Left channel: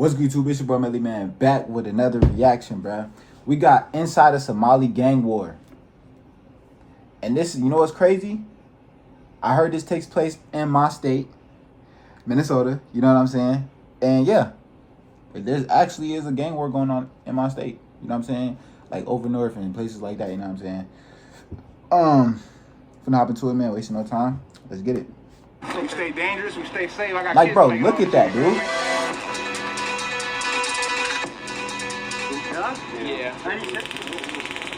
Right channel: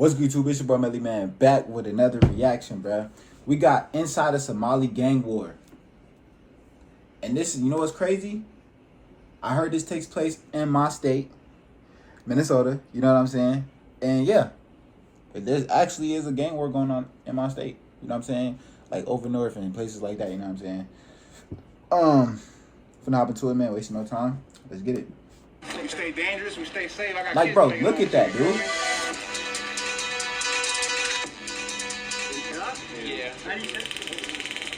What's good, YouTube? It's your boy Melly Man back with another reaction, bruh. We got inside a Somali gang war. And this, you know what's crazy? I heard this takes place in my state, Minnesota. You know what I'm saying? And yeah, there actually is a gang war going on in my state. You know what I'm saying? Like over north and places like that. You know what I'm saying? Finna hop into it, man. Wasting no time. Let's get it. We stay dangerous. We stay safe. Like, bro, look at that, dude.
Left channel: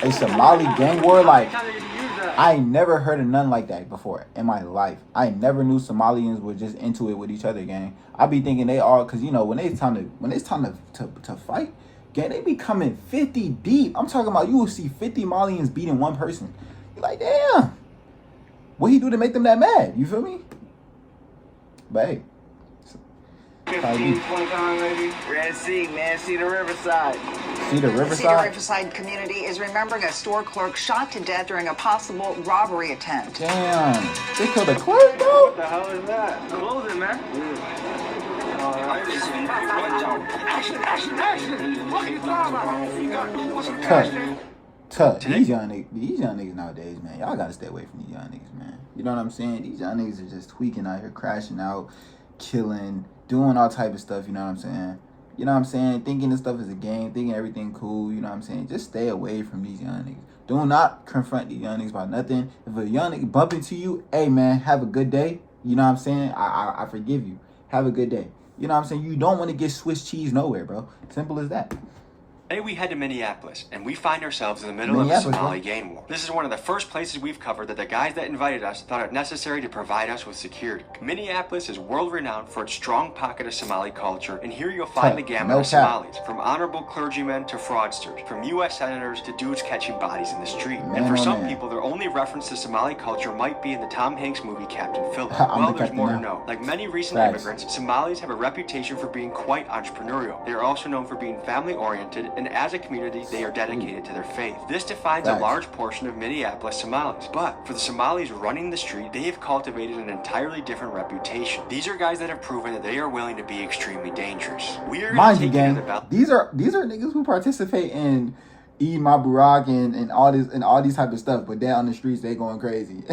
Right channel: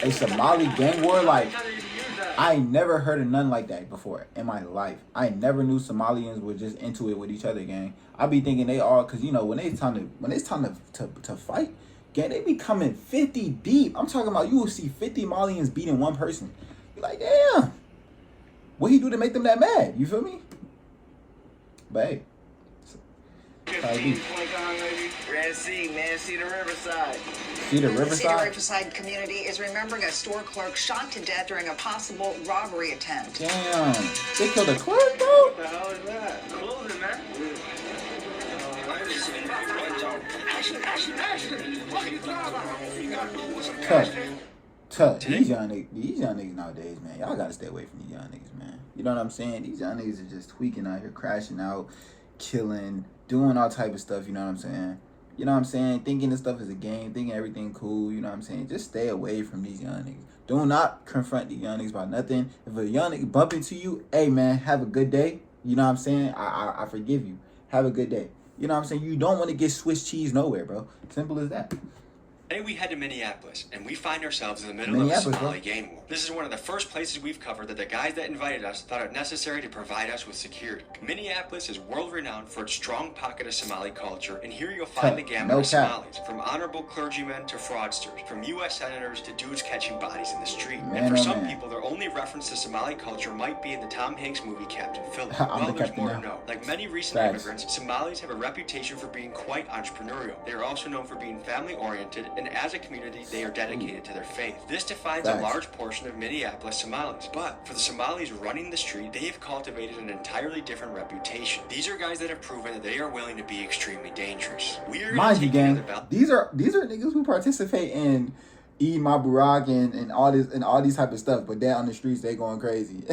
A Somali gang war, like, I ain't never heard of nothing like that before in my life. I never knew Somalians were just into it with each other, gang. I be thinking they are, cause you know when it's time to fight, gang, they be coming 50 deep. I'm talking about you will see 50 Malians beating one person. You're like, damn, what he do to make them that mad? You feel me? But hey. 15, 20 times maybe. Red Sea, man. See the Riverside. See the Riverside? The Riverside community is remembering a store clerk shot to death during a possible robbery attempt. Damn. They killed a clerk, though? What the hell is that? Closing, man. Tough. These young niggas nowadays, man. Y'all gotta stay away from these young niggas, man. You know what I'm saying? These young niggas are just tweaking out here, crashing out, killing, doing all type of stuff, you know what I'm saying? You know what I'm saying? Thinking this stuff is a game, thinking everything cool, you know what I'm saying? Just stay away from these young niggas. Do not confront these young niggas about nothing. If a young nigga bump into you, hey man, have a good day. You know what I'm saying? I forgive you. Have a good day. You know what I'm saying? You don't want to get Swiss cheese nowhere, bro. Simple as that. Today we head to Minneapolis, and we find ourselves in the middle of a Somali gang war. This is one of the first places we've covered that the guys that invited us thought it necessary to provide us with security. Minneapolis is world-renowned for its strong pocket of Somali culture, and here you'll find the gamut of Somalis, from honorable clergymen to fraudsters, from U.S. senators to dudes catching bodies in the street. And for some people, their only reference to Somali culture might be in the Tom Hanks movie Captain Philip. Well, there's more to know. Like many recent immigrants, Somalis have a reputation for being quite entrepreneurial. They are also known for being family-oriented, and as a community, they are dedicated to their faith. This defines a large portion of Minneapolis Somalis. But for the Somalis running the street, they have cultivated an entirely different reputation. These are guys that have proven that they are willing to be extremely dangerous. Mind you, gang, these are niggas who participate in Eid Mabarak and all these type of stuff, but they're on the streets, they going crazy.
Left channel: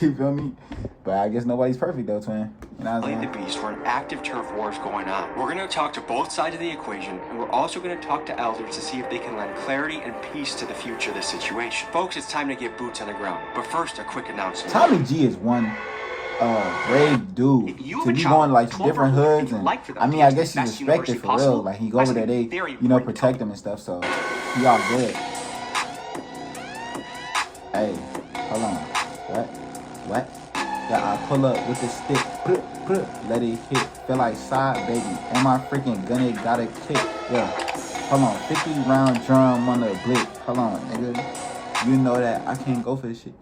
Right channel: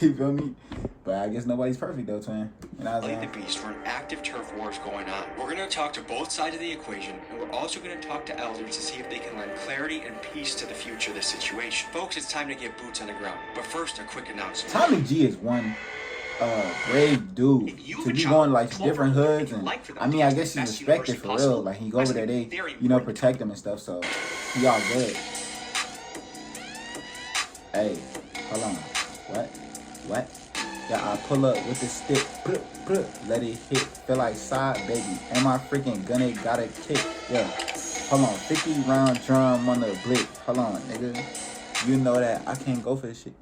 You feel me? But I guess nobody's perfect though, twin. You know what I'm saying? The beast, where an active turf war is going on. We're going to talk to both sides of the equation, and we're also going to talk to elders to see if they can lend clarity and peace to the future of this situation. Folks, it's time to get boots on the ground. But first, a quick announcement. Tommy G is one brave dude to be going like different hoods, and I mean, I guess he's respected for real. Like he go over there, they protect him and stuff, so he all good. Hey, hold on. What? Yeah, I pull up with the stick, let it hit, feel like side, baby. And my freaking gun, it got a kick. Yeah, hold on, 50 round drum on the blick. Hold on, nigga. You know that I can't go for this shit.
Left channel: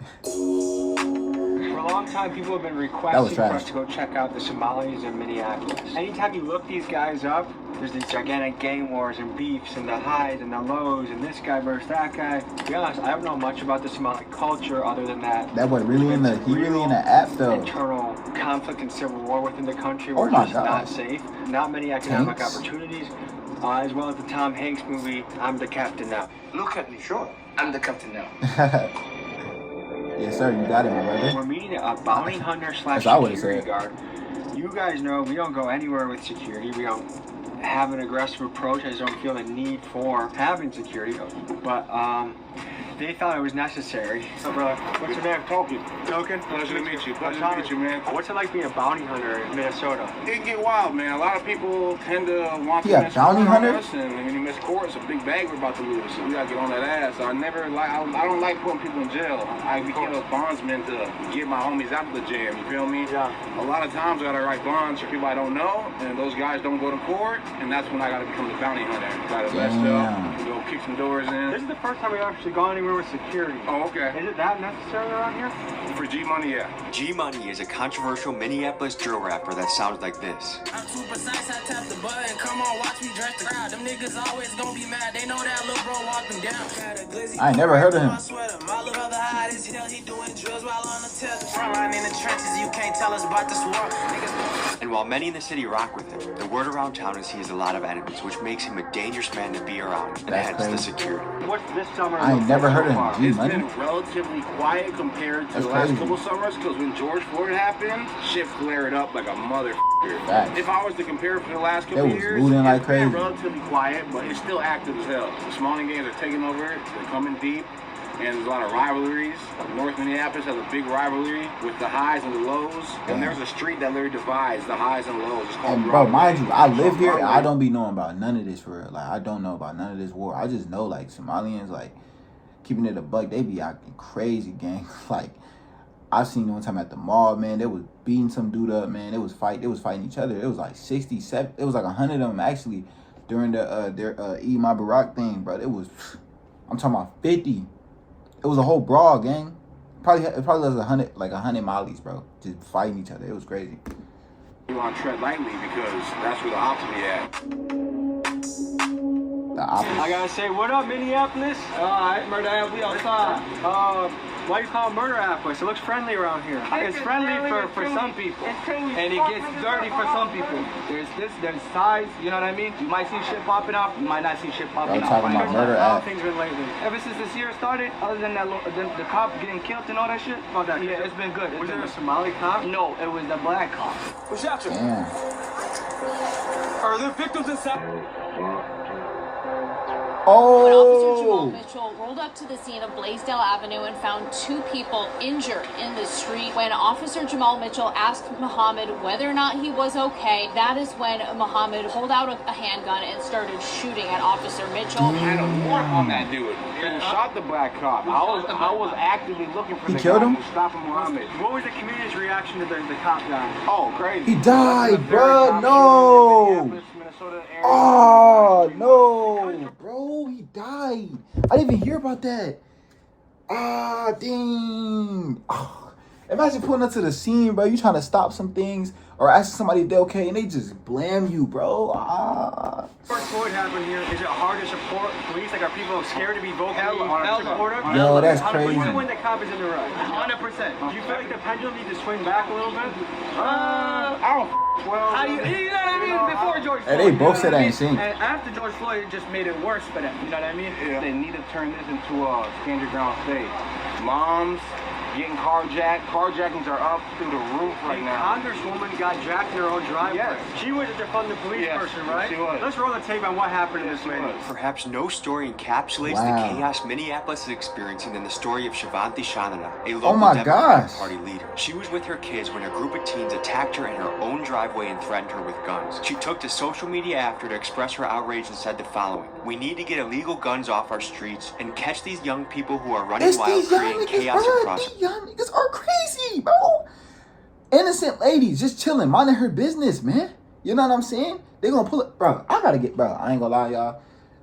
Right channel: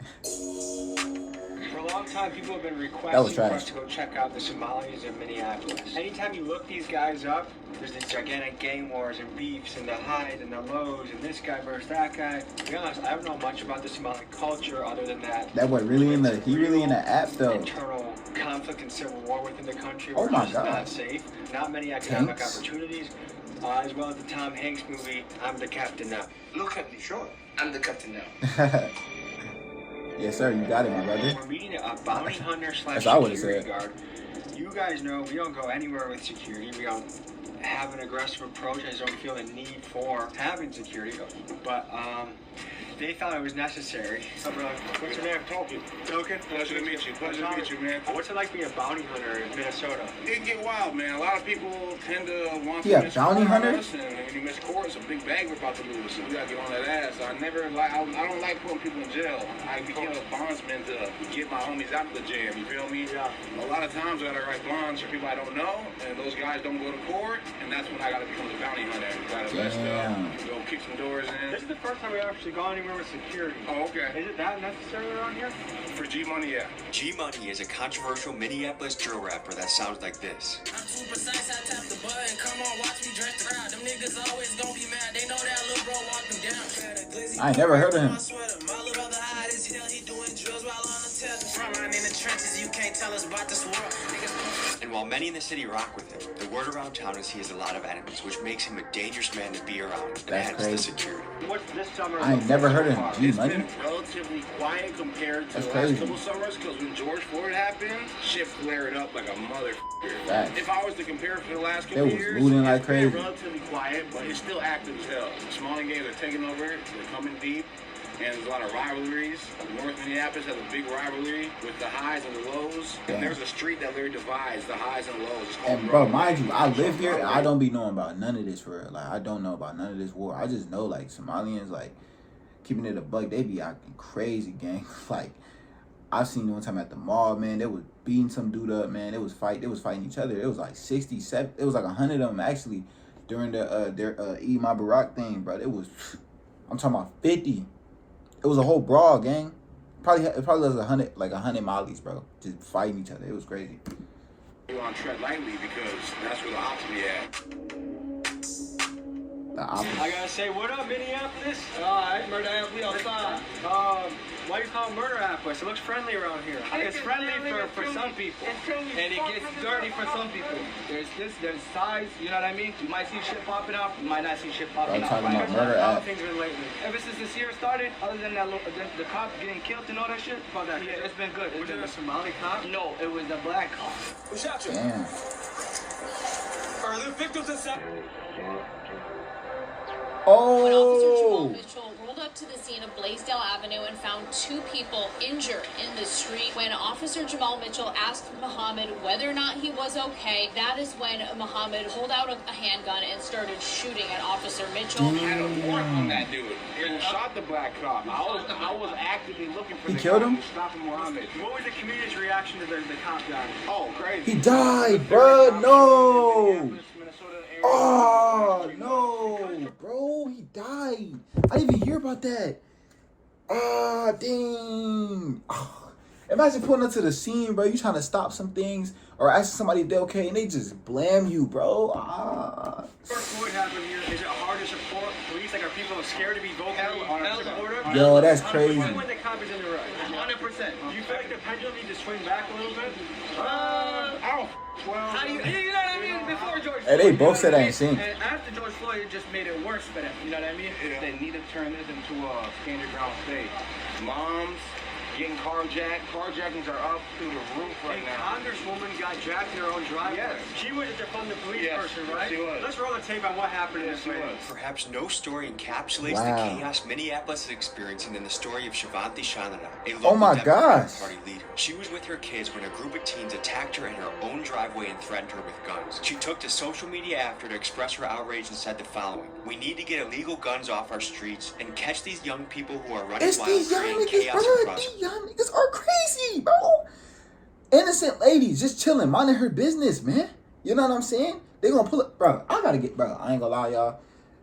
Time people have been requesting for us to go check out the Somalis in Minneapolis. Anytime you look these guys up, there's these gigantic gang wars and beefs and the highs and the lows and this guy versus that guy. To be honest, I don't know much about the Somali culture other than that. That boy really in the app though. Internal conflict and civil war within the country. Oh my gosh. Not safe. Not many economic opportunities. As well as the Tom Hanks movie, I'm the Captain Now. Look at me, sure. I'm the Captain Now. Yes, sir. You got it, my brother. We're meeting a bounty hunter slash security guard. You guys know we don't go anywhere with security. We don't have an aggressive approach. I just don't feel the need for having security. But they thought it was necessary. So, brother, what's your name? Token. Pleasure to meet you. Pleasure to meet you, man. What's it like being a bounty hunter in Minnesota? It can get wild, man. A lot of people tend to want to bounty hunter? And when you miss court, it's a big bag we're about to lose. So we gotta get on that ass. So I don't like putting people in jail. I became a bondsman to get my homies out of the jail. You feel me? Yeah. A lot of times I gotta write bonds for people I don't know, and those guys don't go to court, and that's when I gotta become the bounty hunter. Try to mess up, go kick some doors in. This is the first time we've actually gone anywhere with security. Oh, okay. Is it that necessary around here? For G Money, yeah. G Money is a controversial Minneapolis drill rapper that sounds like this. I'm too precise, I tap the button. Come on, watch me dress the crowd. Them niggas always gonna be mad. They know that little bro walk them down. I ain't never heard of him. My little brother hide his hell, he doing drills while on the test. Front line in the trenches, you can't tell us about this war. And while Many in the city rock with him. The word around town is he has a lot of enemies, which makes him a dangerous man to be around. And That's hence crazy. the security. What's this summer? I ain't never heard of him. G It's Money. been relatively quiet compared to That's the last crazy. couple summers, because when George Floyd happened, shit flared up like a motherfucker. Facts. If I was to compare it for the last They couple was years, looting like it's been crazy. relatively quiet, but it's still active as hell. The Somali gangs are taking over it. They're coming deep. And there's a lot of rivalries. North Minneapolis has a big rivalry with the highs and the lows. Damn. And there's a street that literally divides the highs and the lows. It's called And bro, Broadway. mind you, I live here and I don't be knowing about none of this for real. Like I don't know about none of this war. I just know like Somalians, like keeping it a buck, they be acting crazy, gang. Like I seen one time at the mall, man, they was beating some dude up, man. They was fighting each other. It was like 67, it was like 100 of them actually during their Eid Mubarak thing, bro. It was, I'm talking about 50. It was a whole brawl, gang. It probably was 100 Malis, bro, just fighting each other. It was crazy. You want to tread lightly because that's where the ops be at. The opposite. I gotta say, what up, Minneapolis? Alright, murder we outside. Why you call it murder Minneapolis? It looks friendly around here. It's friendly for some people, and it gets dirty for some people. There's sides, you know what I mean? You might see shit popping up, you might not see shit popping Bro, up. talking about murder app. Ever since this year started, other than that, the cop getting killed and all that shit, yeah, it's been good. Was it a Somali cop? No, it was the black cop. Damn. Are there victims inside? Oh. Jamal Mitchell rolled up to the scene of Blaisdell Avenue and found 2 people injured in the street. When Officer Jamal Mitchell asked Muhammad whether or not he was okay, that is when Muhammad pulled out a handgun and started shooting at Officer Mitchell. I had a warrant on that dude. He shot the black cop. I was actively looking for He the killed guy him? who stopped Muhammad. What was the community's reaction to the cop guy? Oh, crazy. He died, bro. No. Oh, no. Bro, he died. I didn't even hear about that. Ah, dang. Oh, imagine pulling up to the scene, bro. You trying to stop some things or asking somebody if they're okay, and they just blame you, bro. Ah. George Floyd happened here. Is it hard to support police? Like, are people scared to be vocally supportive? Yo, that's crazy. Even when the cop is in the right. 100%. Do you feel like the pendulum needs to swing back a little bit? I don't well. You know what I mean? Before George Hey, they both said that in sync. And after George Floyd, it just made it worse for them. You know what I mean? They need to turn this into a stand your ground state. Moms getting carjacked. Carjackings are up through the roof right A now. congresswoman got jacked in her own driveway. Yes. She was a defund the police Yes, person, right? she was. Let's roll the tape on what happened to this lady. Perhaps no story encapsulates Wow. the chaos Minneapolis is experiencing than the story of Shivanti Shanana, a Oh local my Democratic gosh. Party leader. She was with her kids when a group of teens attacked her in her own driveway and threatened her with guns. She took to social media after to express her outrage and said the following: "We need to get illegal guns off our streets and catch these young people who are running It's wild, these young creating niggas, chaos bro. across These young niggas are crazy, bro. Innocent ladies just chilling, minding her business, man. You know what I'm saying? They gonna pull it, bro. I ain't gonna lie, y'all.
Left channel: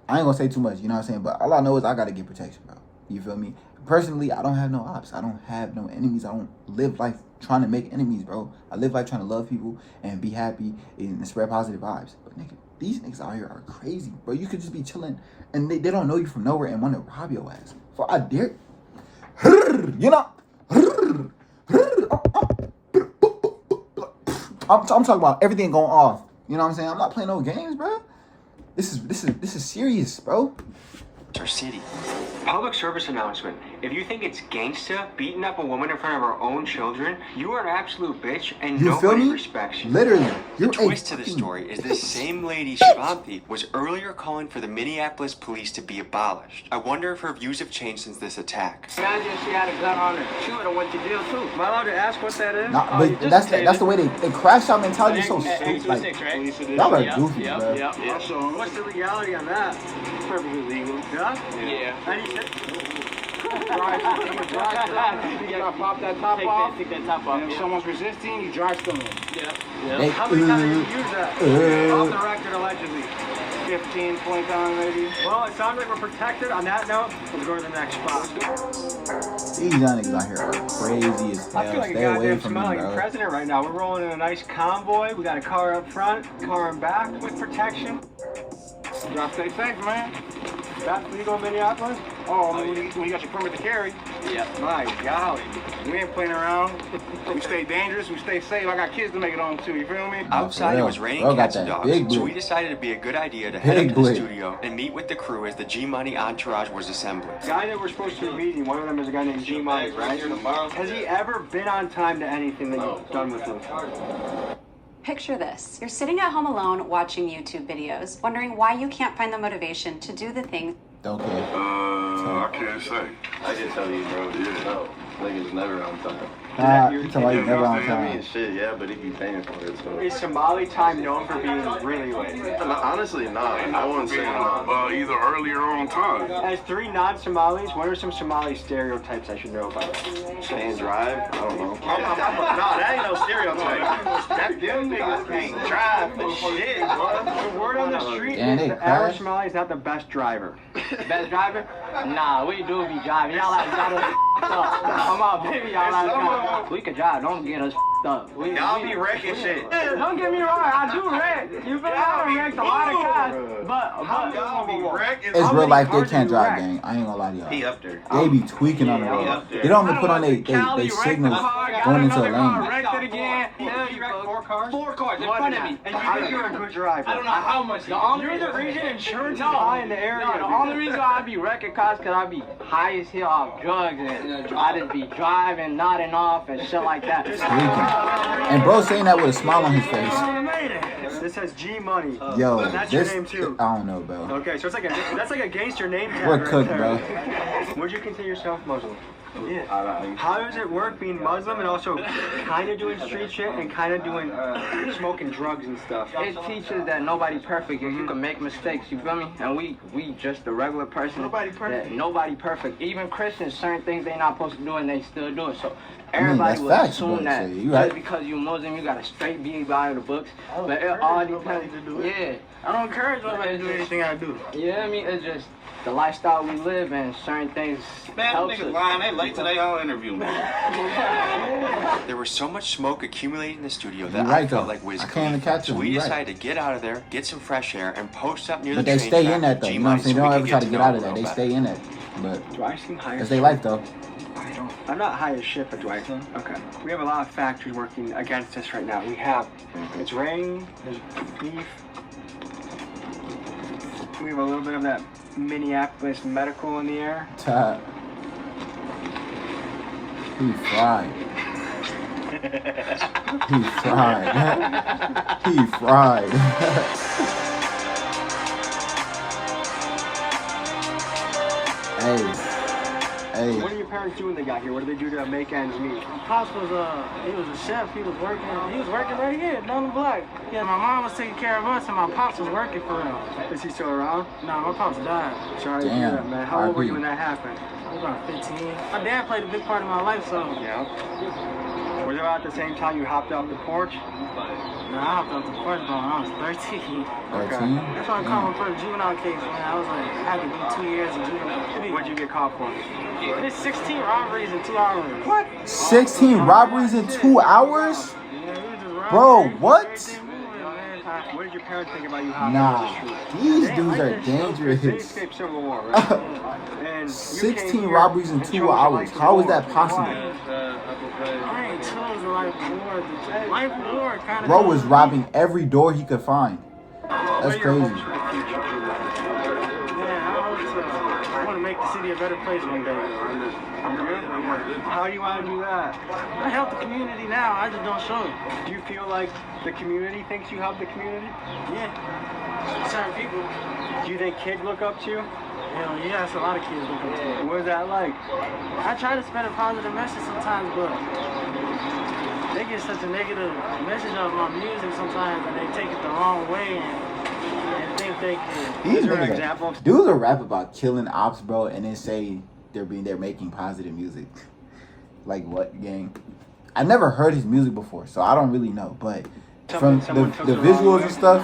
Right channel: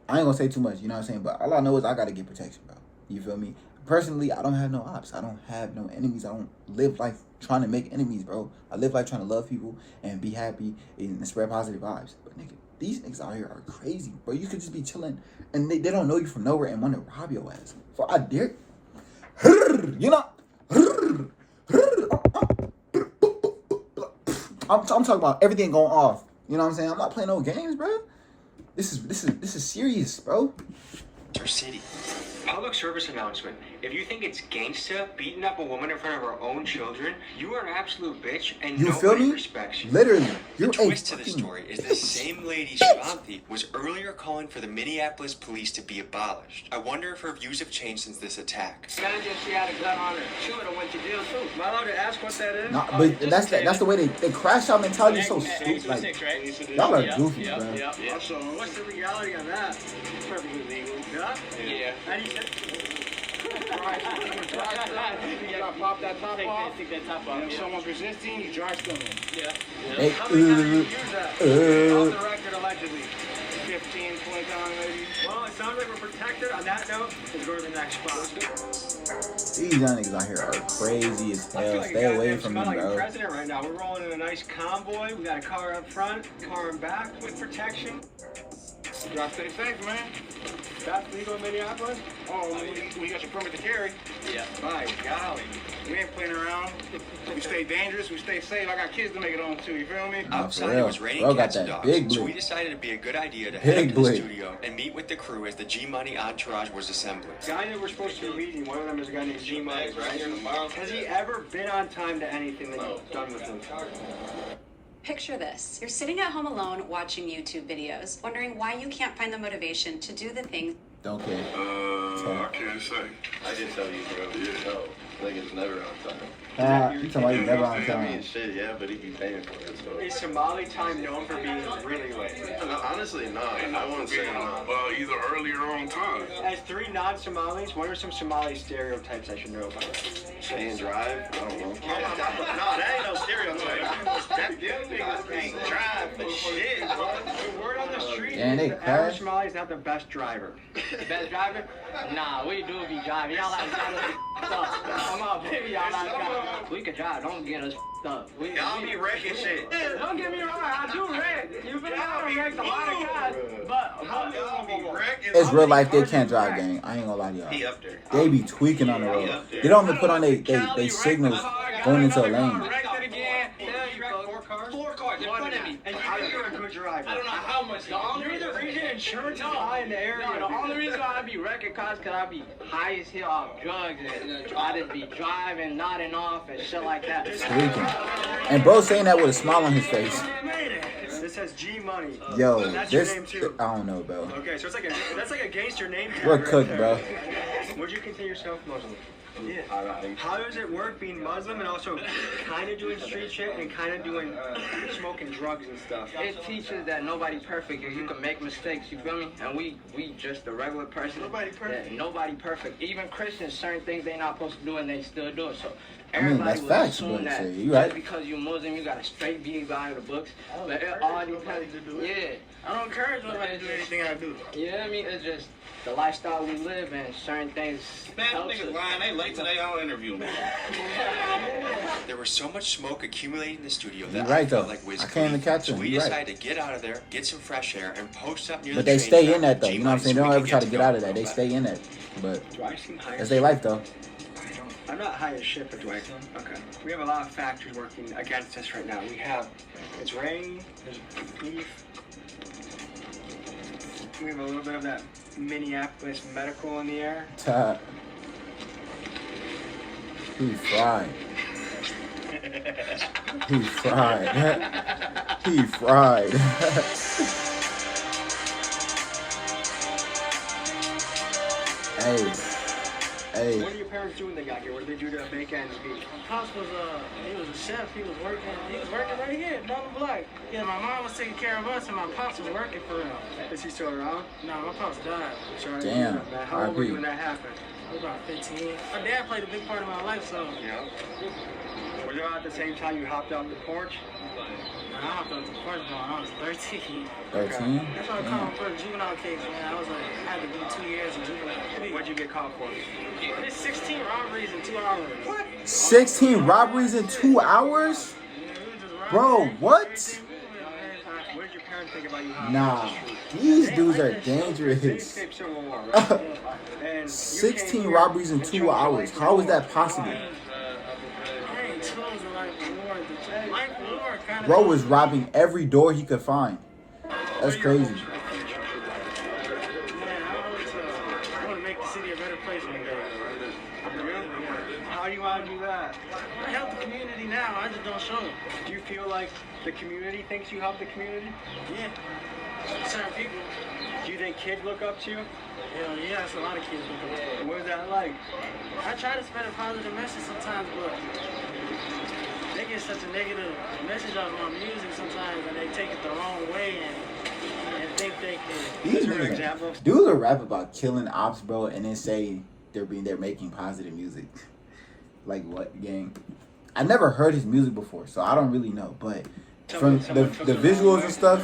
I ain't gonna say too much, you know what I'm saying? But all I know is I gotta get protection, bro. You feel me? Personally, I don't have no ops. I don't have no enemies. I don't live life trying to make enemies, bro. I live life trying to love people and be happy and spread positive vibes. But nigga, these niggas out here are crazy, bro. You could just be chilling and they don't know you from nowhere and want to rob your ass. For I dare, you know. I'm talking about everything going off. You know what I'm saying? I'm not playing no games, bro. This is serious, bro. our city. Public service announcement. If you think it's gangsta beating up a woman in front of her own children, you are an absolute bitch and You feel nobody me? respects you. Literally, you're The a twist to the fucking story is this same lady, Shivanti, was earlier calling for the Minneapolis police to be abolished. I wonder if her views have changed since this attack. Imagine she had a gun on her. She would have went to jail too. Am I allowed to ask what that is? Nah, but that's the way they crash out mentality is so stupid. Like y'all are goofy, bro. So what's the legality on that? Perfectly legal. Yeah? Yeah. How do you say? You gotta pop that top off. Take that top off. And if someone's resisting, you dry stone them. They, How many times did you use that? Off the record, allegedly. 15, 20 times maybe. Well, it sounds like we're protected. On that note, we'll go to the next spot. these young niggas out here are crazy as I feel hell. like Stay a away goddamn from them, Somali bro. president right now. We're rolling in a nice convoy. We got a car up front, car in back with protection. You gotta stay safe, man. That's legal in Minneapolis? Oh, when you got your permit to carry. Yeah. My golly. We ain't playing around. We stay dangerous. We stay safe. I got kids to make it on too. You feel me? Nah, for Outside it real. was raining Bro got cats and that dogs, big so blue. we decided it'd be a good idea to Big head into the blue. studio and meet with the crew as the G-Money entourage was assembling. The guy that we're supposed to be meeting, one of them is a guy named G-Money, right? Has he ever been on time to anything that you've done with him? Picture this. You're sitting at home alone watching YouTube videos, wondering why you can't find the motivation to do the things. Don't care. I can't say. I can tell you, bro. You know, niggas never on time. You talking about you never on time. Shit, yeah, but he be paying for it, so. Is Somali time known for being really late? Honestly, no. I wouldn't say no. Either early or on time. As 3 non-Somalis, what are some Somali stereotypes I should know about? Can't drive? I don't know. No, that ain't no stereotype. Them niggas can't drive for shit, bro. The word on the street Damn, they is the average crash. Somali is not the best driver. Best driver? Nah, we do be driving. Y'all like up. Come on, baby, y'all like we can drive. Don't get us up. Y'all be wrecking shit. Yeah, don't get me wrong. I do wreck. You better I wrecked a lot of cars. But Y'all be wrecking. It's real life. They can't drive, gang. I ain't gonna lie to He y'all. up there. They be tweaking on the road. They don't even put on they signals going into a lane. wrecked it again. Four cars in front of me. And you think you're a good driver. I don't know how much. You're the reason insurance is high in the area. No, the only reason why I be wrecking cars because I be high as hell off drugs and I just be driving, nodding off and shit like that. Tweaking. And bro saying that with a smile on his face. This says G-Money. Yo, That's this your name too. I don't know, bro. Okay, so that's like a gangster name tag We're right cooked, there. bro. Would you consider yourself Muslim? Yeah. How does it work being Muslim and also kind of doing street shit and kind of doing smoking drugs and stuff? It teaches that nobody's perfect and you can make mistakes, you feel me? And we just a regular person. Nobody perfect. Nobody perfect. Even Christians, certain things they not supposed to do and they still do it. So I mean, that's everybody will facts, assume but that say, you right. because you Muslim, you got to straight be out of the books. But it all depends. Yeah. I don't encourage nobody to do anything I do. Yeah, I mean, it's just the lifestyle we live and certain things. Man, them niggas lying. They late today on interview, man. There was so much smoke accumulating in the studio that You're right, I felt though. like whiz I can't even catch So them. we You're right. decided to get out of there, get some fresh air, and post up near But the they train stay track in that with though. You know what I'm saying? They G-Money don't so ever we try could to get to out know of that. They about stay in that. But Do I seem high? that's their life though. I'm not high as shit, but do I? Okay. We have a lot of factors working against us right now. We have, it's rain, there's beef. We have a little bit of that Minneapolis medical in the air. He fried. He fried. He fried. Hey. What do your parents do when they got here? What do they do to make ends meet? My pops was he was a chef. He was working right here down the block. Yeah, my mom was taking care of us, and my pops was working for him. Is he still around? No, my pops died. Sorry Damn. to hear that, man. How old were you RP. when that happened? I was about 15. My dad played a big part of my life, so Yeah. Was it about the same time you hopped off the porch? I hopped up the porch when I was 13. 13? That's why I called my first juvenile case, man. I was like, I had to do 2 years in juvenile. What'd you get caught for? It's 16 robberies in 2 hours. What? 16 robberies in 2 hours? Bro, what? What did your parents think about you hopping Nah, these dudes are dangerous. They escaped Civil War, right? And you 16 came here robberies in and 2 chose hours. life How is before. that possible? I ain't chose the life war. The life war kind of. Bro was robbing every door he could find. That's crazy. Yeah, I want to make the city a better place one day. How do you want to do that? I help the community now. I just don't show it. Do you feel like the community thinks you help the community? Yeah. Certain people. Do you think kids look up to you? Hell yeah, that's a lot of kids look up to me. What is that like? I try to spread a positive message sometimes, but they get such a negative message of my music sometimes, and they take it the wrong way and think they can. These Is there niggas, examples? dudes will rap about killing ops, bro, and then say they're making positive music. Like what, gang? I never heard his music before, so I don't really know. But from the visuals and stuff,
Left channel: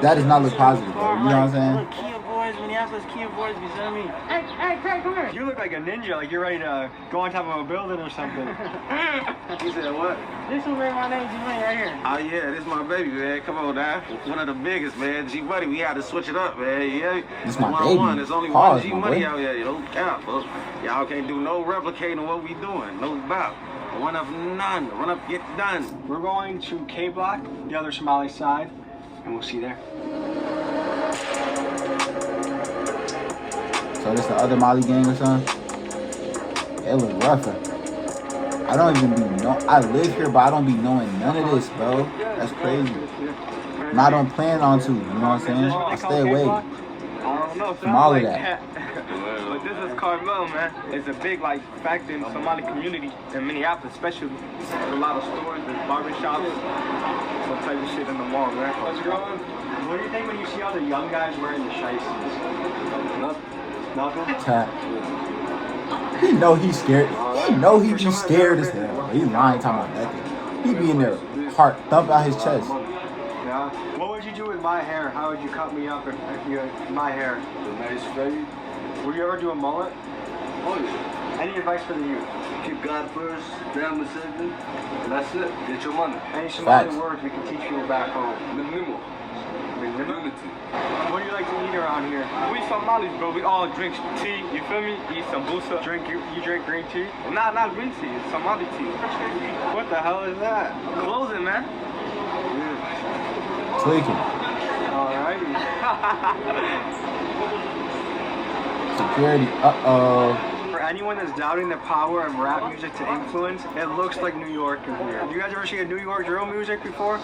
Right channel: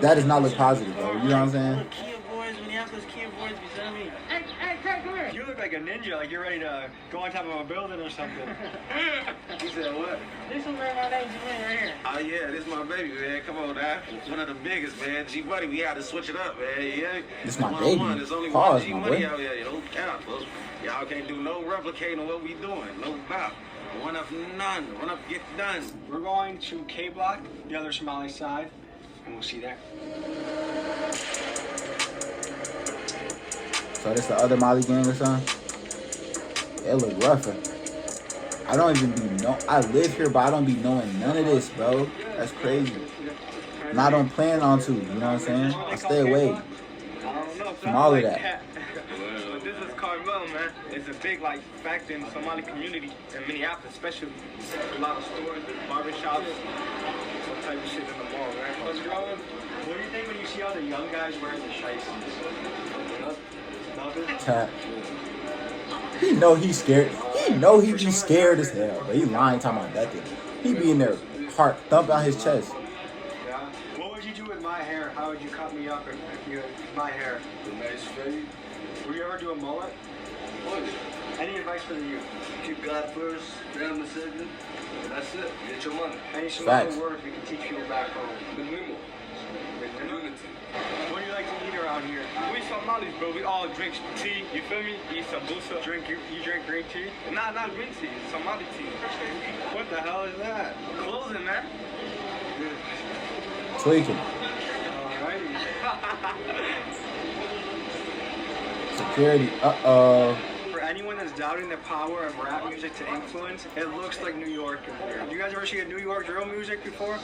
that does not look positive, bro. You know what I'm saying? Kia boys, Minneapolis Kia boys, you feel me? Hey, Craig, come here. You look like like a ninja, like you're ready to go on top of a building or something. He said what? This one, man, my name's Jermaine right here. Oh yeah, this is my baby, man. Come on now. One of the biggest, man. G Money, we had to switch it up, man. Yeah. This my baby. There's only Pause, one G my Money boy. out here. Don't count, folks. Y'all can't do no replicating what we doing. No doubt. One up none. One up get done. We're going to K Block, the other Somali side, and we'll see you there. So this the other Mali gang or something? It look rougher. I don't even be I live here, but I don't be knowing none of this, bro. That's crazy. And I don't plan on to, you know what I'm saying? I stay away from all of that. But this is Carmel, man. It's a big factor in the Somali community in Minneapolis, especially. A lot of stores, there's barbershops, some type of shit in the mall, man. What do you think when you see all the young guys wearing the shiesties? Nothing? Cat. He know he's scared. He know he be scared as hell. But he lying talking about nothing. He be in there, heart thump out his chest. Yeah. What would you do with my hair? How would you cut me up if you had my hair? Nice fade. Would you ever do a mullet? Oh yeah. Any advice for the youth? Keep God first, family second. That's it. Get your money. Any Facts. Somali words we can teach you back home? What do you like to eat around here? We Somalis, bro. We all drink tea. You feel me? Eat sambusa. You drink green tea? Nah, not green tea. It's Somali tea. What the hell is that? Closing, man. Tweaking. Alrighty. Security. Uh-oh. For anyone that's doubting the power of rap music to influence, it looks like New York in here. Have you guys ever seen a New York drill music before?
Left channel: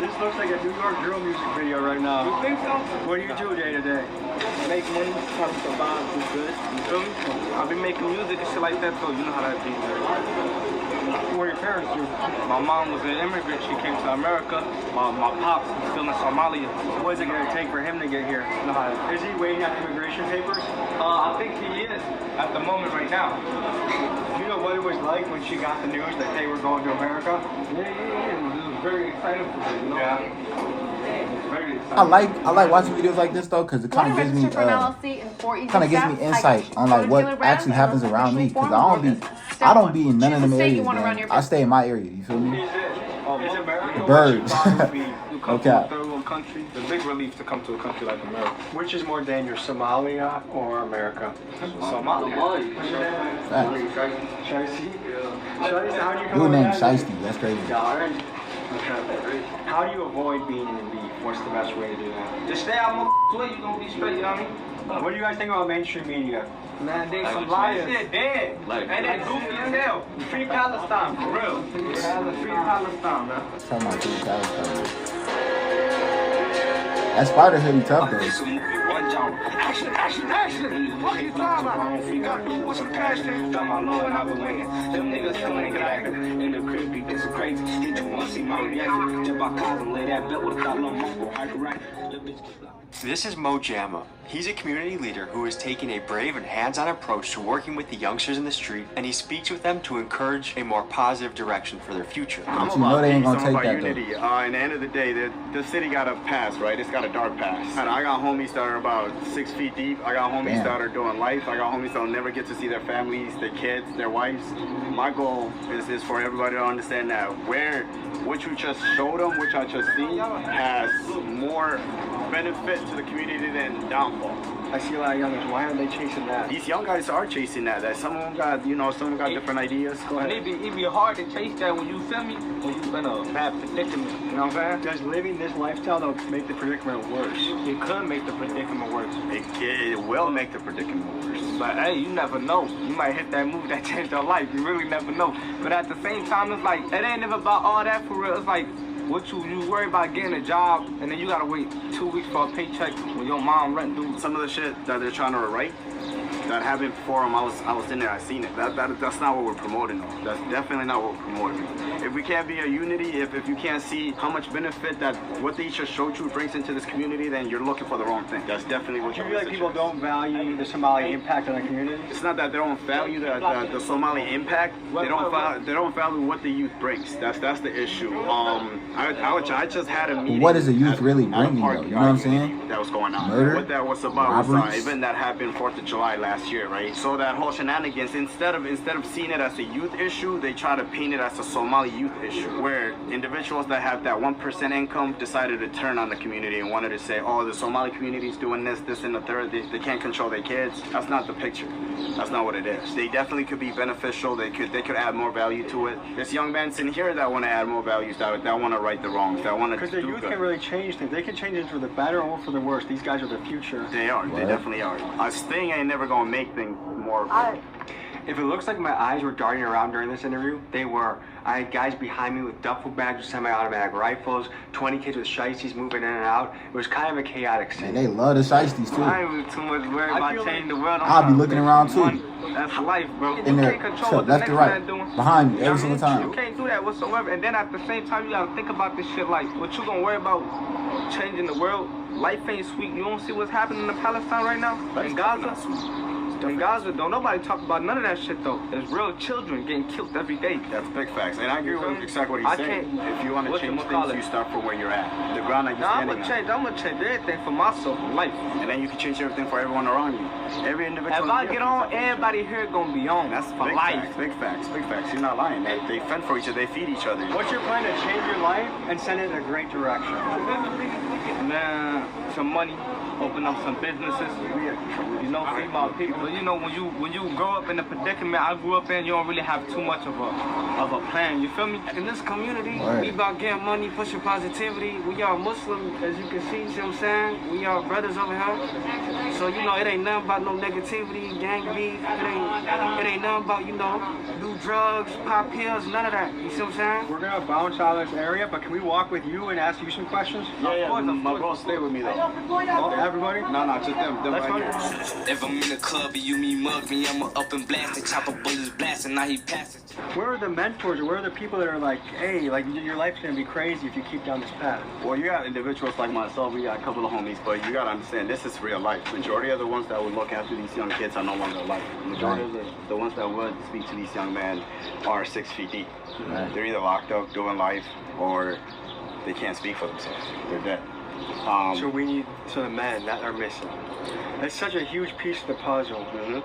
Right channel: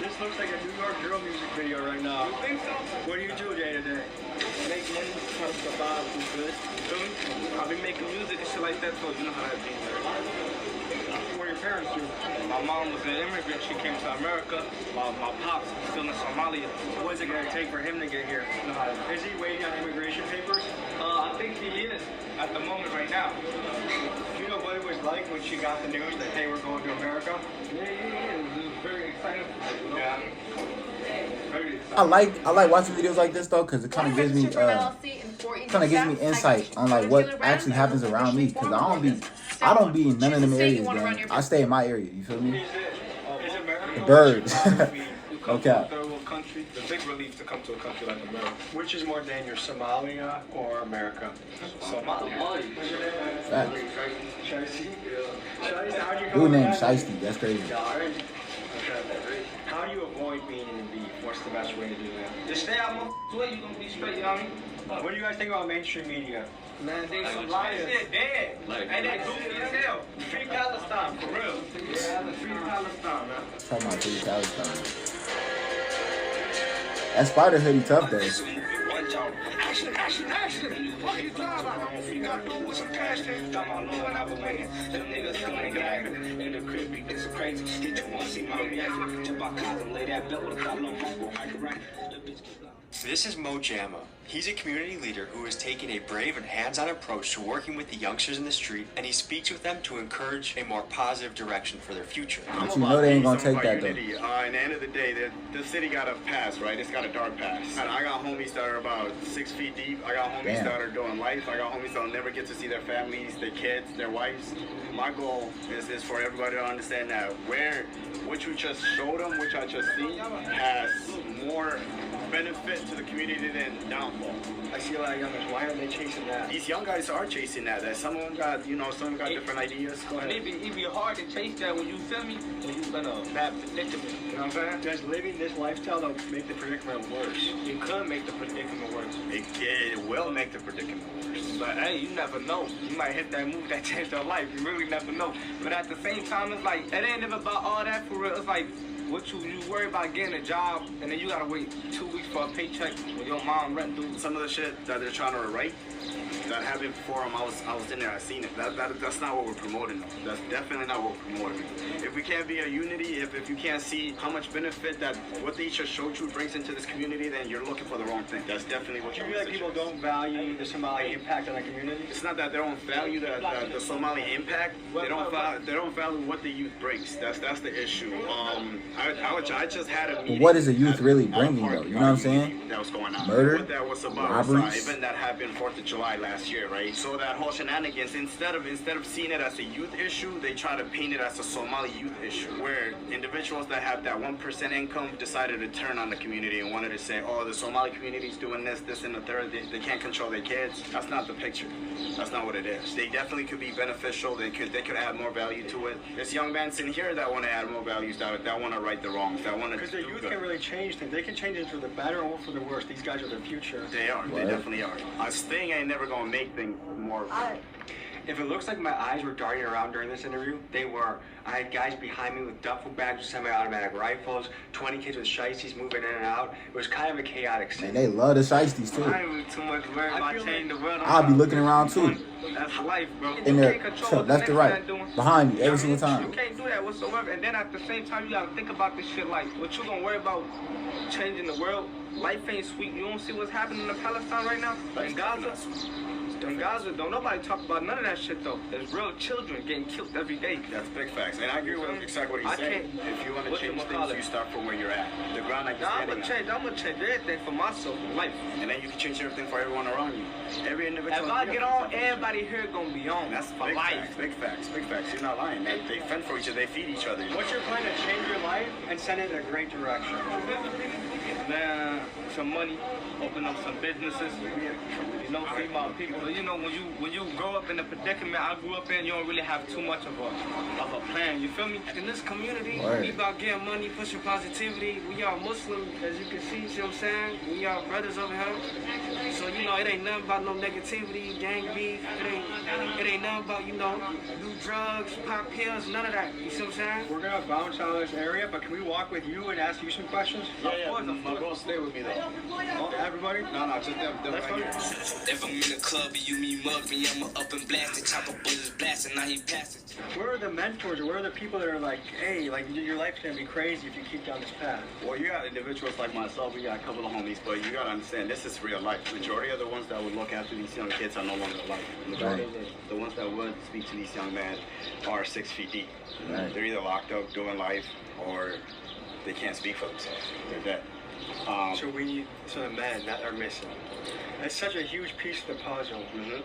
This looks like a New York drill music video right now. You think so? What do you do day to day? Make money, try to survive, do good. You feel me? I've been making music and shit like that, so you know how that be. What do your parents do? My mom was an immigrant. She came to America. My pops is still in Somalia. What is it going to take for him to get here? You know how Is he waiting at immigration papers? I think he is at the moment right now. Do you know what it was like when she got the news that they were going to America? Yeah. It was very exciting for me, you know? Yeah. Very exciting. I like watching videos like this though, because it kind of gives me insight on like what actually happens around me, because I don't be in none of them areas, gang. I stay in my area, you feel me? The birds. Okay. Country, it's a big relief to come to a country like America. Which is more dangerous, Somalia or America? Somalia. Facts. Shiesty? Dude named Shiesty, that's crazy. How do you avoid being in the beef? What's the best way to do that? Just stay out of my way, you gonna be straight, you know what I mean? What do you guys think about mainstream media? Man, they some riots. They're dead. And they goofy as hell. Free Palestine, for real. Free Palestine, man. Talking about Free Palestine. That spider hoodie tough though. Action. What you talking about? You got to do what's a passion. Tell my Lord I was winning. Them niggas still ain't active. In the crib, be this crazy. Get you want to see my reaction. Jump out cars and lay that belt with a collar on my right. This is Mo Jamma. He's a community leader who is taking a brave and hands-on approach to working with the youngsters in the street, and he speaks with them to encourage a more positive direction for their future. But you know they ain't gonna take that though. At the end of the day, the city got a pass, right? It's got a dark past. And I got homies that are about 6 feet deep. I got homies that are doing life. I got homies that will never get to see their families, their kids, their wives. My goal is for everybody to understand that what you just showed them, which I just seen, has more benefit to the community than downfall. I see a lot of young guys. Why are they chasing that? These young guys are chasing that. Some of them got, some of them got different ideas. Go ahead. It be hard to chase that when you feel me, when you in a bad predicament. You know what I'm saying? Does living this lifestyle though make the predicament worse? It could make the predicament worse. It will make the predicament worse. But hey, you never know. You might hit that move that changed your life. You really never know. But at the same time, it's like it ain't never about all that for real. It's like what you worry about getting a job, and then you gotta wait 2 weeks for a paycheck when your mom rent due. Some of the shit that they're trying to write that happened before I was in there. I seen it. That's not what we're promoting though. That's definitely not what we're promoting. If we can't be a unity, if you can't see how much benefit that what they just showed you brings into this community, then you're looking for the wrong thing. That's definitely what you're. Do you feel like people don't value the Somali impact on the community? It's not that they don't value the Somali impact. They don't value what the youth brings. That's the issue. I just had a meeting. But what is the youth really bringing though? You know what I'm saying? That was going out. Murder? What that was about Robberies? was an event that happened 4th of July last year, right? So that whole shenanigans, instead of seeing it as a youth issue, they try to paint it as a Somali youth issue, where individuals that have that 1% income decided to turn on the community and wanted to say, oh, the Somali community is doing this, and the third. They can't control their kids. That's not the picture. That's not what it is. They definitely could be beneficial. They could add more value to it. There's young men in here that want to add more values, that want to right the wrongs, that want to because the youth can really change things. They can change it for the better or for the worse. These guys are the future. They are. What? They definitely are. Us thing ain't never gonna make things more. If it looks like my eyes were darting around during this interview, they were. I had guys behind me with duffel bags with semi-automatic rifles, 20 kids with shiesties moving in and out. It was kind of a chaotic scene. Man, they love the shiesties too. I ain't too much worried about changing the world. I'll be looking around too. That's life, bro. In there, left to right, behind you every single time. You can't do that whatsoever. And then at the same time, you gotta think about this shit like, what you gonna worry about changing the world? Life ain't sweet. You don't see what's happening in Palestine right now? In Gaza? In Gaza, don't nobody talk about none of that shit though. There's real children getting killed every day. That's big facts. And I agree with exactly what he's saying. If you want to change things, you start from where you're at. The ground that you're standing on. I'm gonna change everything for myself, for life. And then you can change everything for everyone around you. Every individual. If I get on, everybody here gonna be on. That's for life. Big facts. Big facts. You're not lying. They fend for each other. They feed each other. What's your plan to change your life and send it in a great direction? Then some money. Open up some businesses, you know, feed my people. You know, when you grow up in the predicament I grew up in, you don't really have too much of a plan. You feel me? In this community, we about getting money, pushing positivity. We are Muslim, as you can see. See what I'm saying? We are brothers over here. So you know, it ain't nothing about no negativity, gang beef. It ain't nothing about do drugs, pop pills, none of that. You see what I'm saying? We're gonna bounce out of this area, but can we walk with you and ask you some questions? Yeah. My bro, stay with me though. Okay. Everybody? No, just them right here. If I'm in the club and you me mug me, I'ma up and blast it, chopper bullets blasting, now he passes. Where are the mentors or where are the people that are like, hey, like your life's gonna be crazy if you keep down this path? Well, you got individuals like myself, we got a couple of homies, but you gotta understand this is real life. Majority of the ones that would look after these young kids are no longer alive. Majority of the ones that would speak to these young men are 6 feet deep. Right. They're either locked up doing life or they can't speak for themselves. They're dead. So the men that are missing. It's such a huge piece of the puzzle. Mm-hmm.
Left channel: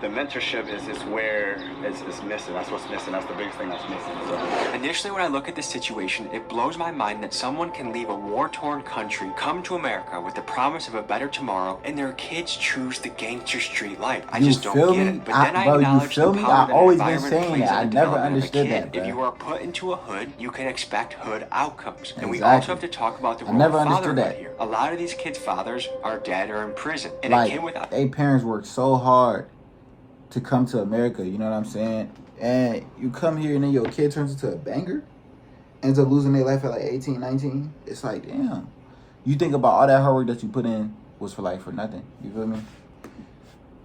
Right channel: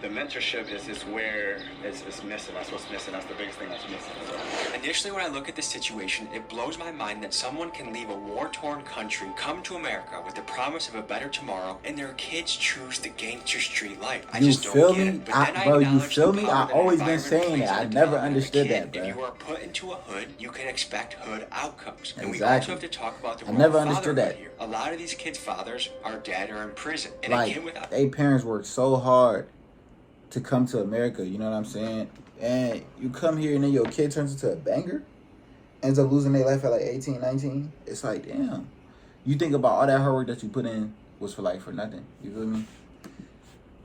The mentorship is where it's missing. That's what's missing. That's the biggest thing that's missing. So. Initially, when I look at this situation, it blows my mind that someone can leave a war-torn country, come to America with the promise of a better tomorrow, and their kids choose the gangster street life. I just don't get it. But then bro, you acknowledge feel the me? power I that always been environment saying plays that. I in the never development of a understood kid. that, bro. If you are put into a hood, you can expect hood outcomes. And Exactly. we also have to talk about the I never role of understood fatherhood that. here. A lot of these kids' fathers are dead or in prison. And Like, again, without they parents worked so hard to come to America, you know what I'm saying? And you come here and then your kid turns into a banger, ends up losing their life at like 18, 19. It's like, damn. You think about all that hard work that you put in was for nothing. You feel me?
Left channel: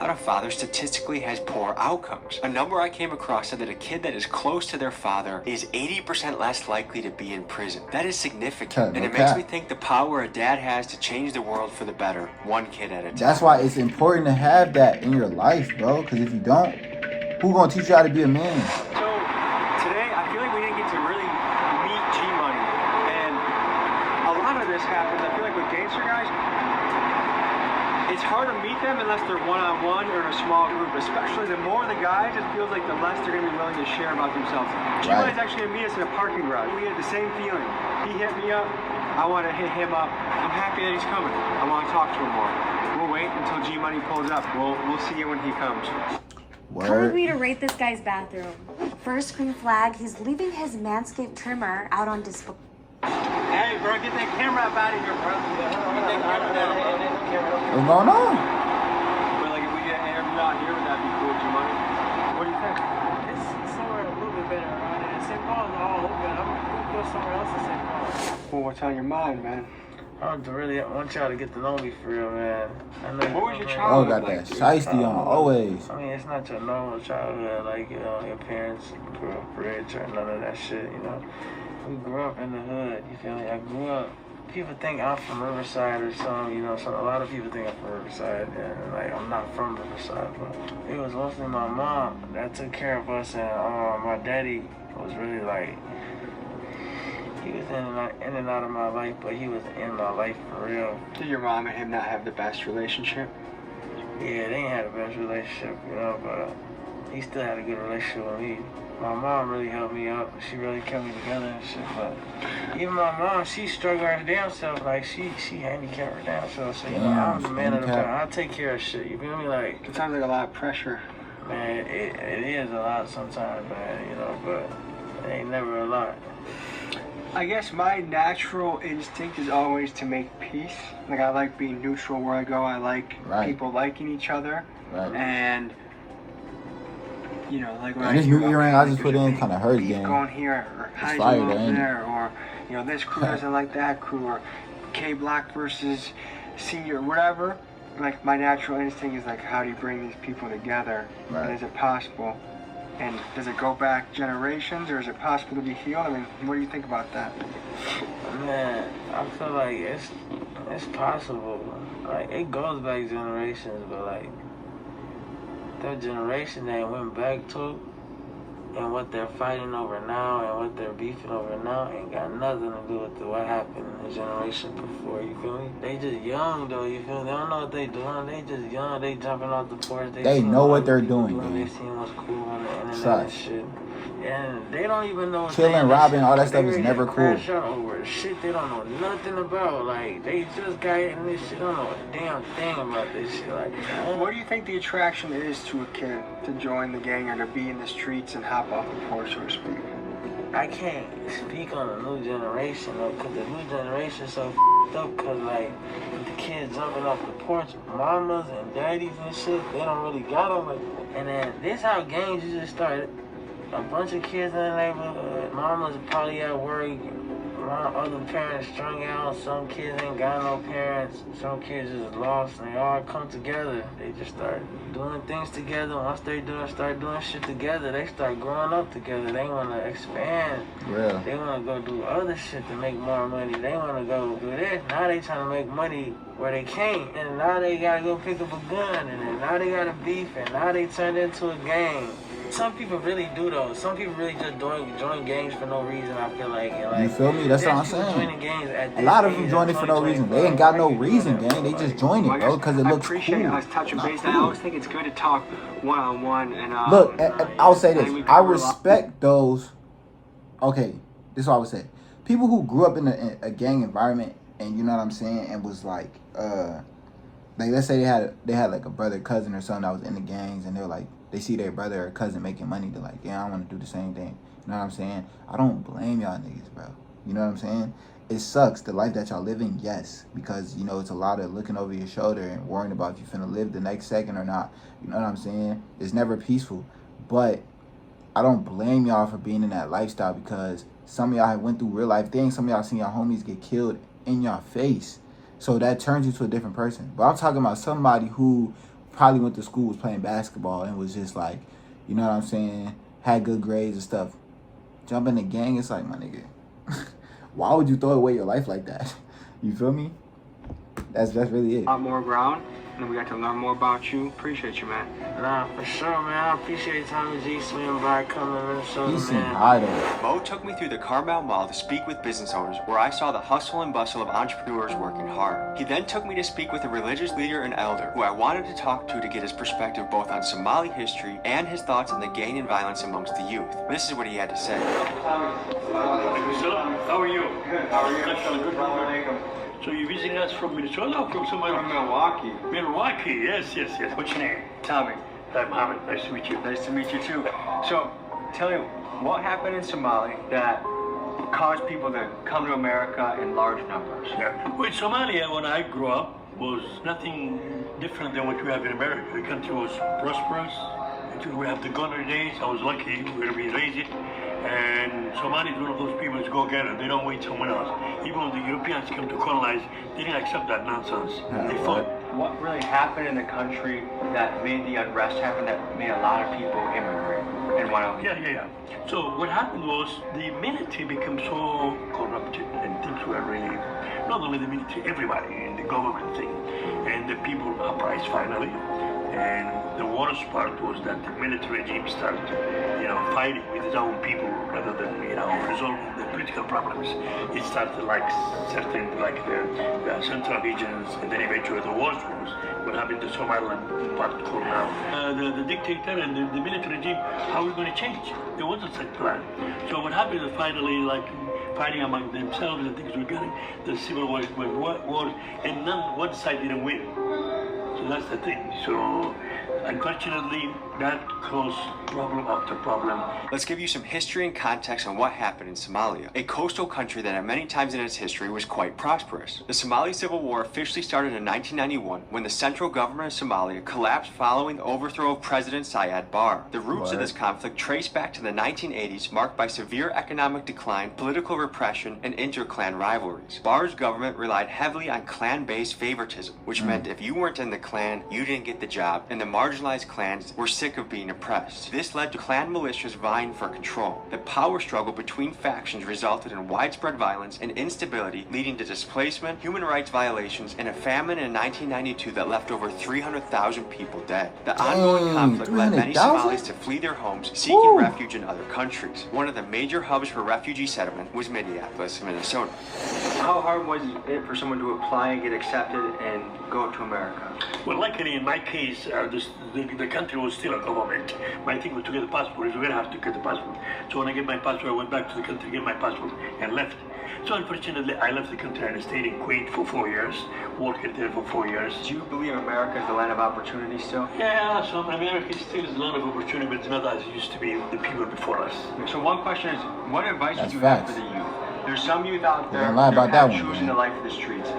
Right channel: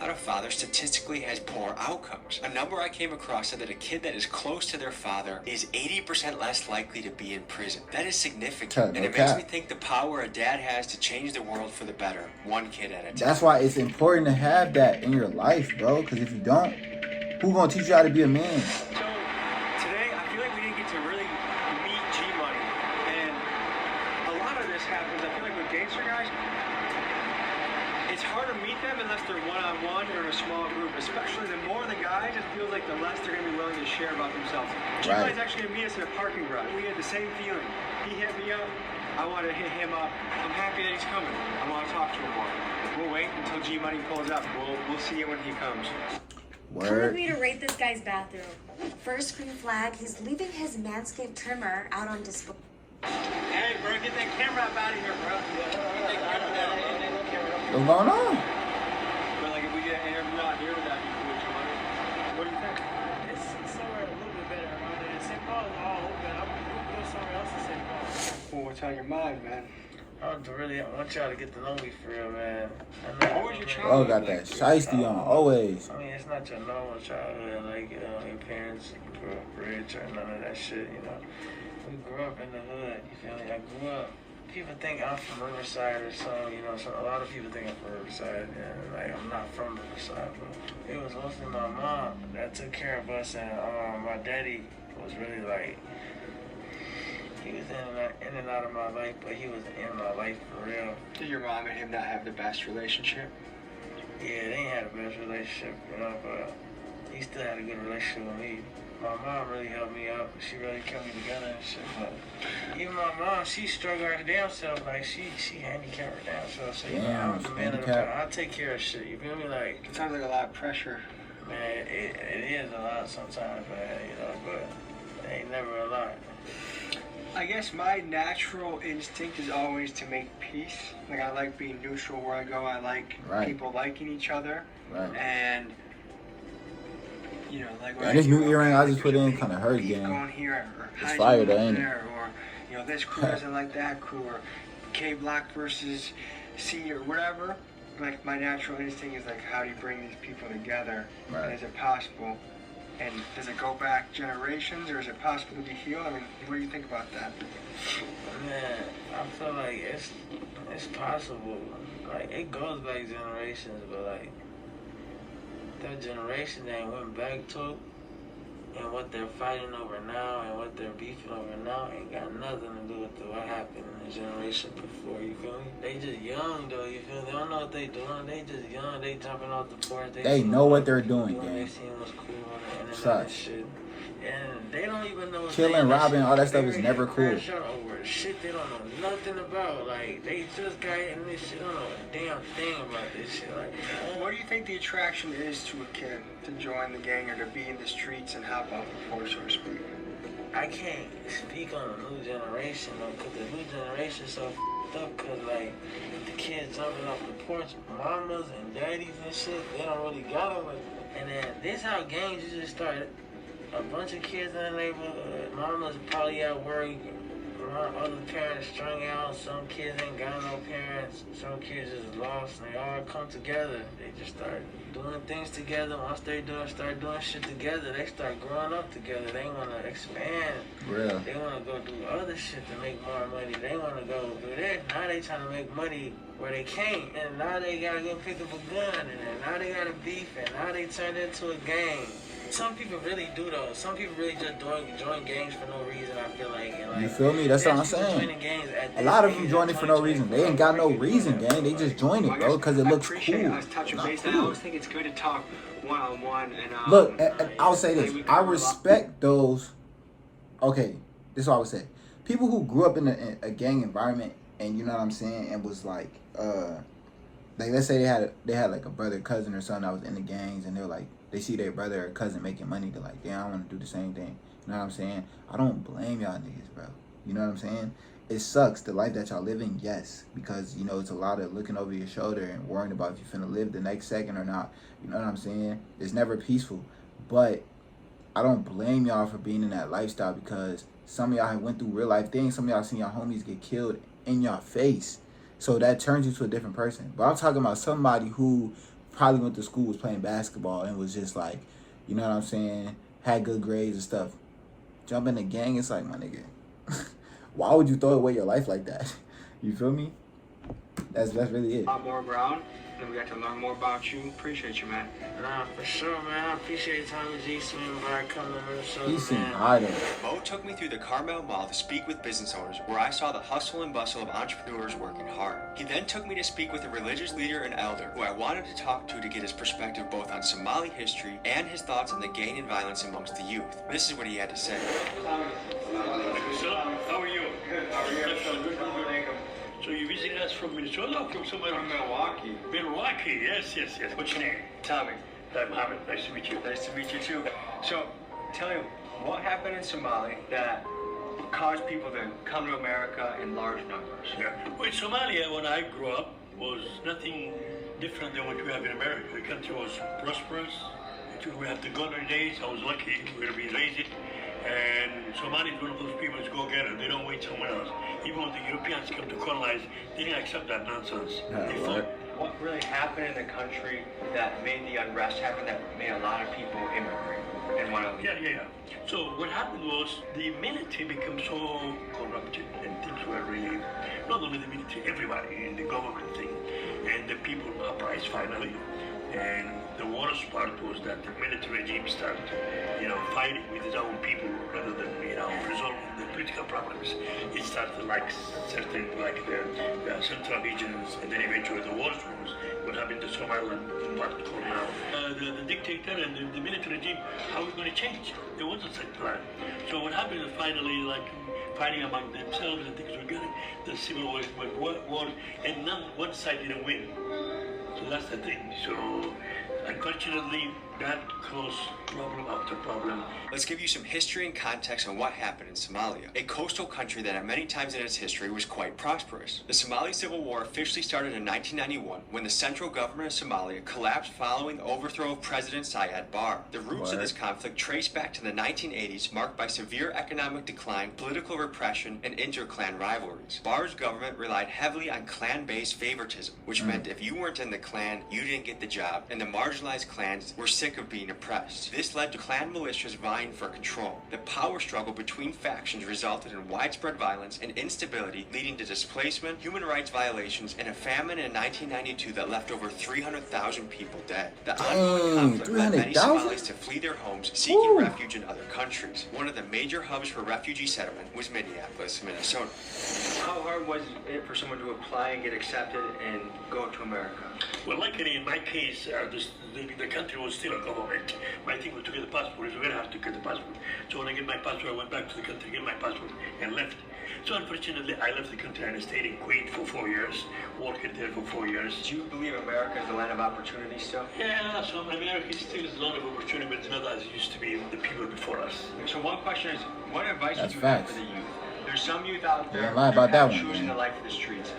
a father statistically has poor outcomes. A number I came across said that a kid that is close to their father is 80% less likely to be in prison. That is significant, and it makes me think the power a dad has to change the world for the better, one kid at a time. That's why it's important to have that in your life, bro, because if you don't, who gonna teach you how to be a man? So, today, I feel like we didn't get to really meet G-Money, and a lot of this happens, I feel like with gangster guys, it's hard to meet them unless they're one-on-one or in a small group, especially the more the guys, it feels like the less they're going to be willing to share about themselves. Right. G-Money's actually going to meet us in a parking garage. We had the same feeling. He hit me up. I want to hit him up. I'm happy that he's coming. I want to talk to him more. We'll wait until G-Money pulls up. We'll see you when he comes. Word. Time for me to rate this guy's bathroom. First green flag, he's leaving his Manscaped trimmer out on display. Hey, bro, get that camera up out of here, bro. What's going on? But like, if we get him out here, would that be cool, G-Money? What do you think? It's somewhere a little bit better around here. St. Paul is all open. We'll go somewhere else in St. Paul. Well, what's on your mind, man? I want y'all to get to know me for real, man. What was your childhood? Oh, got that shiesty on, always. I mean, it's not your normal childhood, like, you know, your parents grew up rich or none of that shit, you know. We grew up in the hood, you feel me? I grew up, people think I'm from Riverside or something, you know, so a lot of people think I'm from Riverside, and like, I'm not from Riverside, but it was mostly my mom that took care of us, and my daddy was really like, He was in and out of my life, but he was in my life for real. Did your mom and him not have the best relationship? Yeah, they ain't had the best relationship, you know, but he still had a good relationship with me. My mom really helped me out. She really kept me together and shit, but even my mom, she struggled her damn self. Like, she handicapped her damn self. So, you know, I'm the man of the family. I take care of shit, you feel me? Like, it sounds like a lot of pressure. Man, it is a lot sometimes, man, you know, but it ain't never a lot. I guess my natural instinct is always to make peace. Like, I like being neutral where I go. I like people liking each other. Right. And, you know, like... And this new earring I just put in kind of hurt again. Going here, or it's fire though, ain't it? Or, you know, this crew doesn't like that crew, or K Block versus C, or whatever. Like, my natural instinct is like, how do you bring these people together? Right. And is it possible? And does it go back generations, or is it possible to be healed? I mean, what do you think about that? Man, I feel like it's possible. Like, it goes back generations, but like, that generation that went back to and what they're fighting over now and what they're beefing over now ain't got nothing to do with what happened in the generation before, you feel me? They just young though, you feel me? They don't know what they doing, they just young, they jumping off the porch. They know what they're doing, gang. They seeing what's cool on the internet Trust. and shit. And they don't even know. Chilling, robbing, all that stuff is never cool. Over shit they don't know nothing about. Like, they just got in this shit, don't know a damn thing about this shit. Like, what do you think the attraction is to a kid to join the gang or to be in the streets and hop off the porch, so to speak? I can't speak on the new generation though, because the new generation is so f***ed up, because like, with the kids jumping off the porch, mamas and daddies and shit, they don't really got them. Like, and then this how gangs usually started. A bunch of kids in the neighborhood, mamas probably at work, other parents strung out, some kids ain't got no parents, some kids just lost, and they all come together. They just start doing things together. Once they start doing shit together, they start growing up together. They want to expand. Real. They want to go do other shit to make more money. They want to go do this. Now they trying to make money where they can't, and now they got to go pick up a gun, and then now they got to beef, and now they turned into a gang. Some people really do though. Some people really just join gangs for no reason, I feel like. And like, you feel me? That's what I'm saying. A lot of them join it for no reason. They ain't got no reason, gang. They just join it, bro, because it looks cool. I always think it's good to talk one-on-one. And look, and I'll say this. I respect those. Okay, this is what I would say. People who grew up in a gang environment, and you know what I'm saying, and was like let's say they had like a brother, cousin, or something that was in the gangs, and they're like, they see their brother or cousin making money, they're like, yeah, I want to do the same thing. You know what I'm saying? I don't blame y'all niggas, bro. You know what I'm saying? It sucks, the life that y'all living, yes, because, you know, it's a lot of looking over your shoulder and worrying about if you're finna live the next second or not. You know what I'm saying? It's never peaceful. But I don't blame y'all for being in that lifestyle, because some of y'all have went through real life things. Some of y'all seen y'all homies get killed in your face. So that turns you to a different person. But I'm talking about somebody who probably went to school, was playing basketball, and was just like, you know what I'm saying, had good grades and stuff. Jump in the gang, it's like, my nigga, why would you throw away your life like that? You feel me? That's really it. A lot more ground, and we got to learn more about you. Appreciate you, man. Nah, for sure, man. I appreciate Tommy G swinging by, coming in. So, he seemed high though. Mo took me through the Carmel Mall to speak with business owners, where I saw the hustle and bustle of entrepreneurs working hard. He then took me to speak with a religious leader and elder, who I wanted to talk to get his perspective both on Somali history and his thoughts on the gang and violence amongst the youth. This is what he had to say. How are you? Good. How are you? So you're visiting us from Minnesota or from somewhere? From Milwaukee. Milwaukee, yes. What's your name? Tommy. Mohammed. Nice to meet you. Nice to meet you too. So, tell me, what happened in Somali that caused people to come to America in large numbers? Yeah. Well, Somalia, when I grew up, was nothing different than what we have in America. The country was prosperous. We have the gunner days. I was lucky to be raised. And Somali is one of those people who go get it. They don't wait someone else. Even when the Europeans come to colonize, they didn't accept that nonsense. What really happened in the country that made the unrest happen, that made a lot of people immigrate and went out? Yeah. So what happened was the military became so corrupted, and things were really, not only the military, everybody in the government thing. And the people uprised finally. And the worst part was that the military regime started, fighting with its own people rather than, resolving the political problems. It started like certain, like the central regions, and then eventually the war zones. What happened to Somaliland, what called now. The dictator and the military regime, how are we going to change? There wasn't such plan. So what happened is finally, like, fighting among themselves and things were getting, the civil war, and one side didn't win. So that's the thing. So unfortunately, that caused problem after problem. Let's give you some history and context on what happened in Somalia, a coastal country that at many times in its history was quite prosperous. The Somali Civil War officially started in 1991 when the central government of Somalia collapsed following the overthrow of President Siad Barre. The roots of this conflict trace back to the 1980s, marked by severe economic decline, political repression, and inter-clan rivalries. Barre's government relied heavily on clan-based favoritism, which meant if you weren't in the clan, you didn't get the job, and the marginalized clans were sick of being oppressed. This led to clan militias vying for control. The power struggle between factions resulted in widespread violence and instability, leading to displacement, human rights violations, and a famine in 1992 that left over 300,000 people dead. The ongoing conflict led many Somalis to flee their homes, seeking refuge in other countries. One of the major hubs for refugee settlement was Minneapolis, Minnesota. How hard was it for someone to apply and get accepted and go to America? Well, luckily in my case, the country was still a government. My thing was to get the passport. It's very hard to get the passport. So when I get my passport, I went back to the country, get my passport, and left. So unfortunately, I left the country and I stayed in Kuwait for 4 years, worked there for 4 years. Do you believe America is the land of opportunity still? Yeah, so America still is a lot of opportunity, but it's not as it used to be with the people before us. So one question is, what advice That's would you have facts. for the youth? There's some youth out there You don't lie about that one, choosing man. the life of the streets.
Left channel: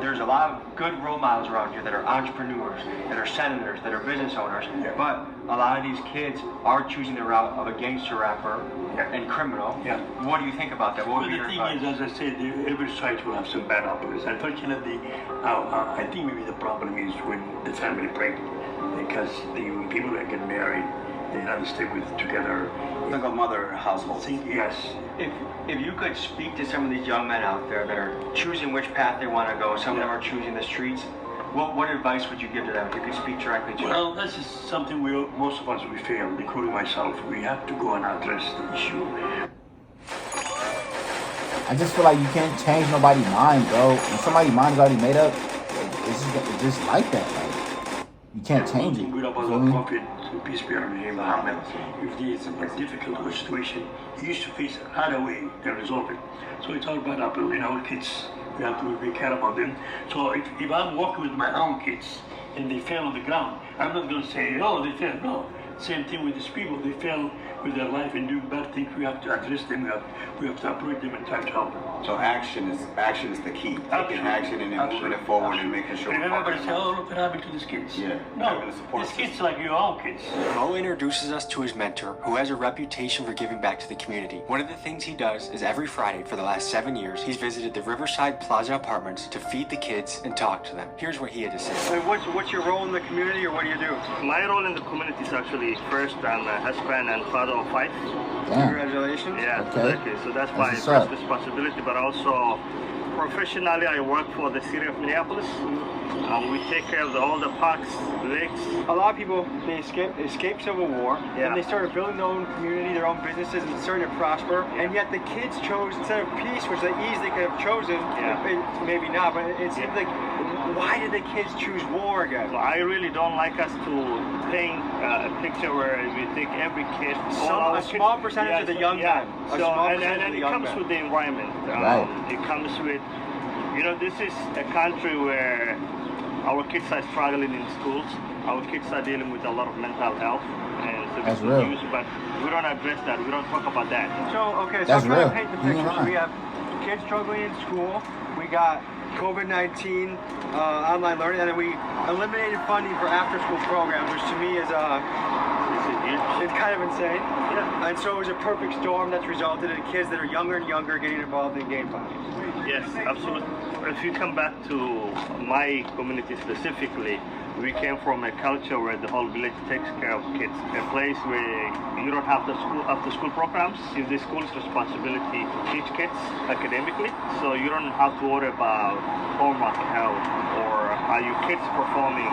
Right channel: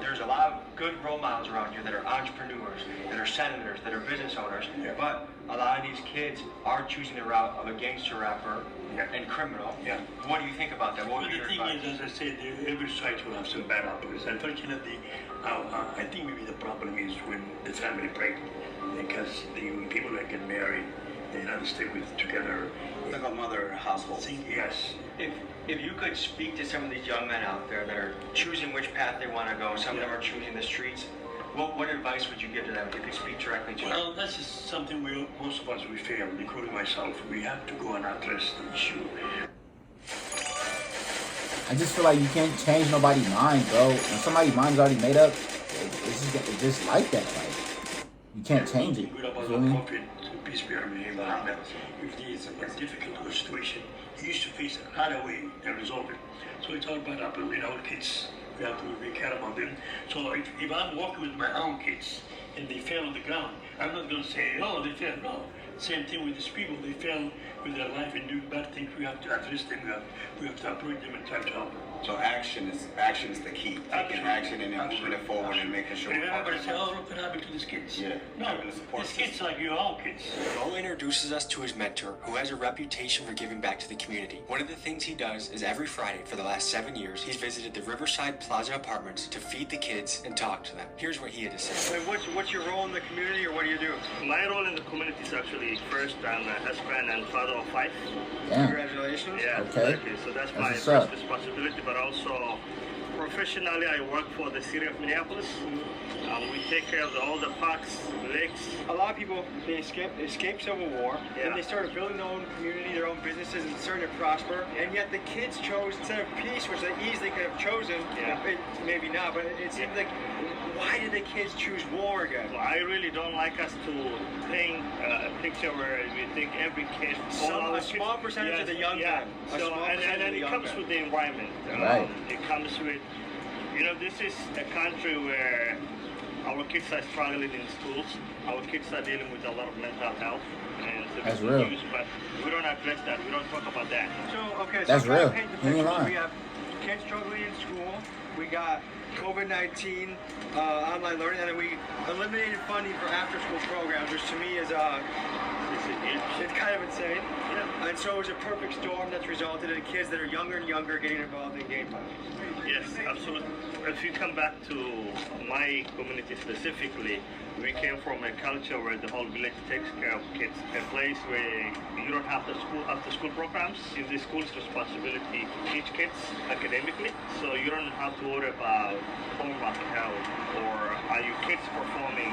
There's a lot of good role models around here that are entrepreneurs, that are senators, that are business owners, but a lot of these kids are choosing the route of a gangster rapper and criminal. What do you think about that? What would be your advice? Is, as I said, every society will have some bad apples. Unfortunately, I think maybe the problem is when the family break, because when people that get married, they don't stay together. Like a mother household. Yes. If you could speak to some of these young men out there that are choosing which path they want to go, some of them are choosing the streets, what advice would you give to them if you could speak directly to them? Well, this is something most of us we fail, including myself. We have to go and address the issue. I just feel like you can't change nobody's mind, bro. When somebody's mind is already made up, it's just like that. Like, you can't change it. You feel me? Peace be on him, Muhammad. If there's a difficult situation, he used to face another way to resolve it. So it's all bad apple. Our kids, we have to be care about them. So if I'm working with my own kids and they fail on the ground, I'm not going to say, oh, they failed. No. Same thing with these people. They fail with their life and do bad things. We have to address them. We have to approach them and try to help them. So action is the key. Taking action and then moving it forward and making sure. And everybody say, oh, look what happened to these kids. Yeah. No, these kids like your own kids. Mo introduces us to his mentor, who has a reputation for giving back to the community. One of the things he does is every Friday for the last 7 years, he's visited the Riverside Plaza apartments to feed the kids and talk to them. Here's what he had to say. What's your role in the community, or what do you do? My role in the community is actually first, I'm a husband and father of 5. Damn. Congratulations. Yeah, okay. So that's That's my what's first up. responsibility, but also professionally I work for the city of Minneapolis. We take care of all the parks, lakes. A lot of people, they escape Civil War, and they started building their own community, their own businesses, and started to prosper. And yet the kids chose, instead of peace, which they easily could have chosen, maybe not, but it seems like, why did the kids choose war again? Well, I really don't like us to paint a picture where we take every kid. A small percentage of the young men. So, and it comes with the environment. Right. It comes with, this is a country where our kids are struggling in schools. Our kids are dealing with a lot of mental health. And That's real. But we don't address that. We don't talk about that. That's real. We have kids struggling in school. We got COVID-19 online learning, and then we eliminated funding for after-school programs, which to me is it's kind of insane. And so it was a perfect storm that's resulted in kids that are younger and younger getting involved in game violence. Yes, absolutely. If you come back to my community specifically, we came from a culture where the whole village takes care of kids. A place where you don't have the after-school programs. It's the school's responsibility to teach kids academically, so you don't have to worry about homework health or are your kids performing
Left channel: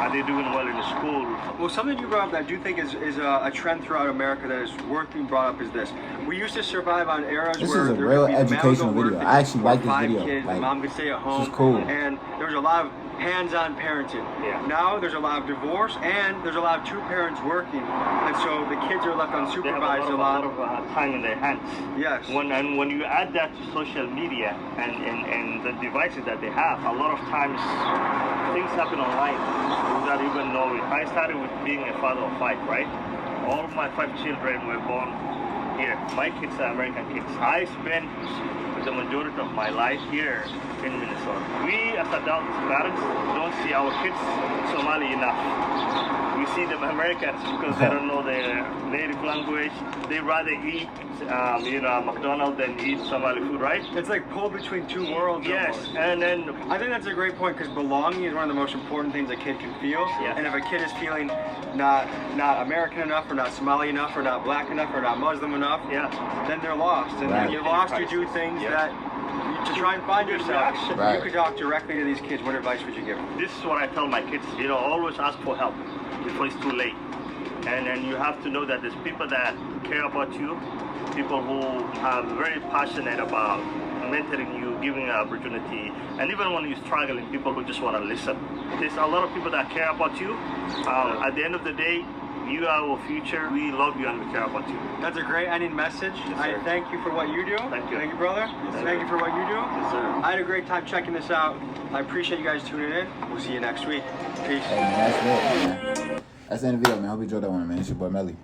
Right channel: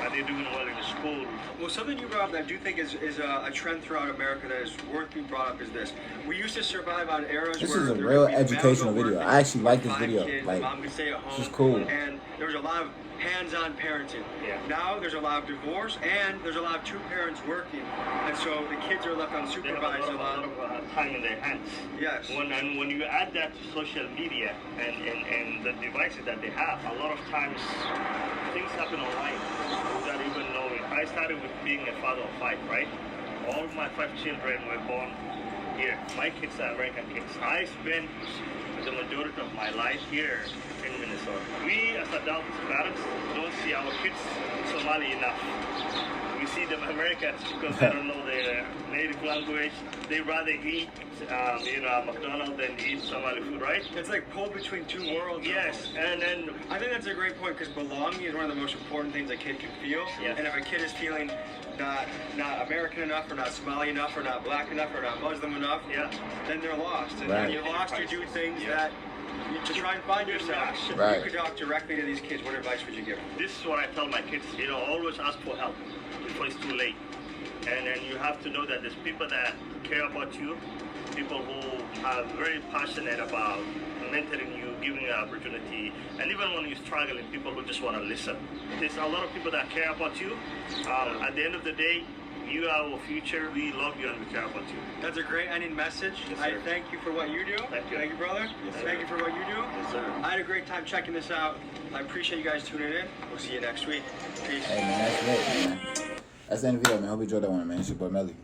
at they're doing well in the school. Well, something you brought up that I do think is a trend throughout America that is worth being brought up is this. We used to survive on eras This where is a there real would be educational mom video. work, I actually like this 5 video. kids, Like, mom could stay at home, this is cool. And there was a lot of hands-on parenting. Yeah. Now there's a lot of divorce and there's a lot of two parents working, and so the kids are left unsupervised a lot of time in their hands. Yes. When you add that to social media and the devices that they have, a lot of times things happen online without even knowing. I started with being a father of 5, right? All of my 5 children were born here. My kids are American kids. I spent the majority of my life here in Minnesota. We as adult parents don't see our kids Somali enough. We see them Americans because they don't know their native language. They rather eat McDonald's than eat Somali food, right? It's like pulled between two worlds. Yes, almost. and then I think that's a great point because belonging is one of the most important things a kid can feel. Yeah. And if a kid is feeling not American enough, or not Somali enough, or not black enough, or not Muslim enough, then they're lost. And Right. when you're lost, you do things that you try and find yourself. Right. You could talk directly to these kids. What advice would you give them? This is what I tell my kids. Always ask for help before it's too late. And then you have to know that there's people that care about you, people who are very passionate about mentoring you, giving you an opportunity, and even when you're struggling, people who just want to listen. There's a lot of people that care about you. At the end of the day, you are our future. We love you and we care about you. That's a great ending message. Yes, I thank you for what you do. Thank you. Thank you, brother. Thank you for what you do. Yes, sir. I had a great time checking this out. I appreciate you guys tuning in. We'll see you next week. Peace. Hey, man, that's it, man. That's the end of the video, man. Hope you enjoyed that one, man. It's your boy, Melly.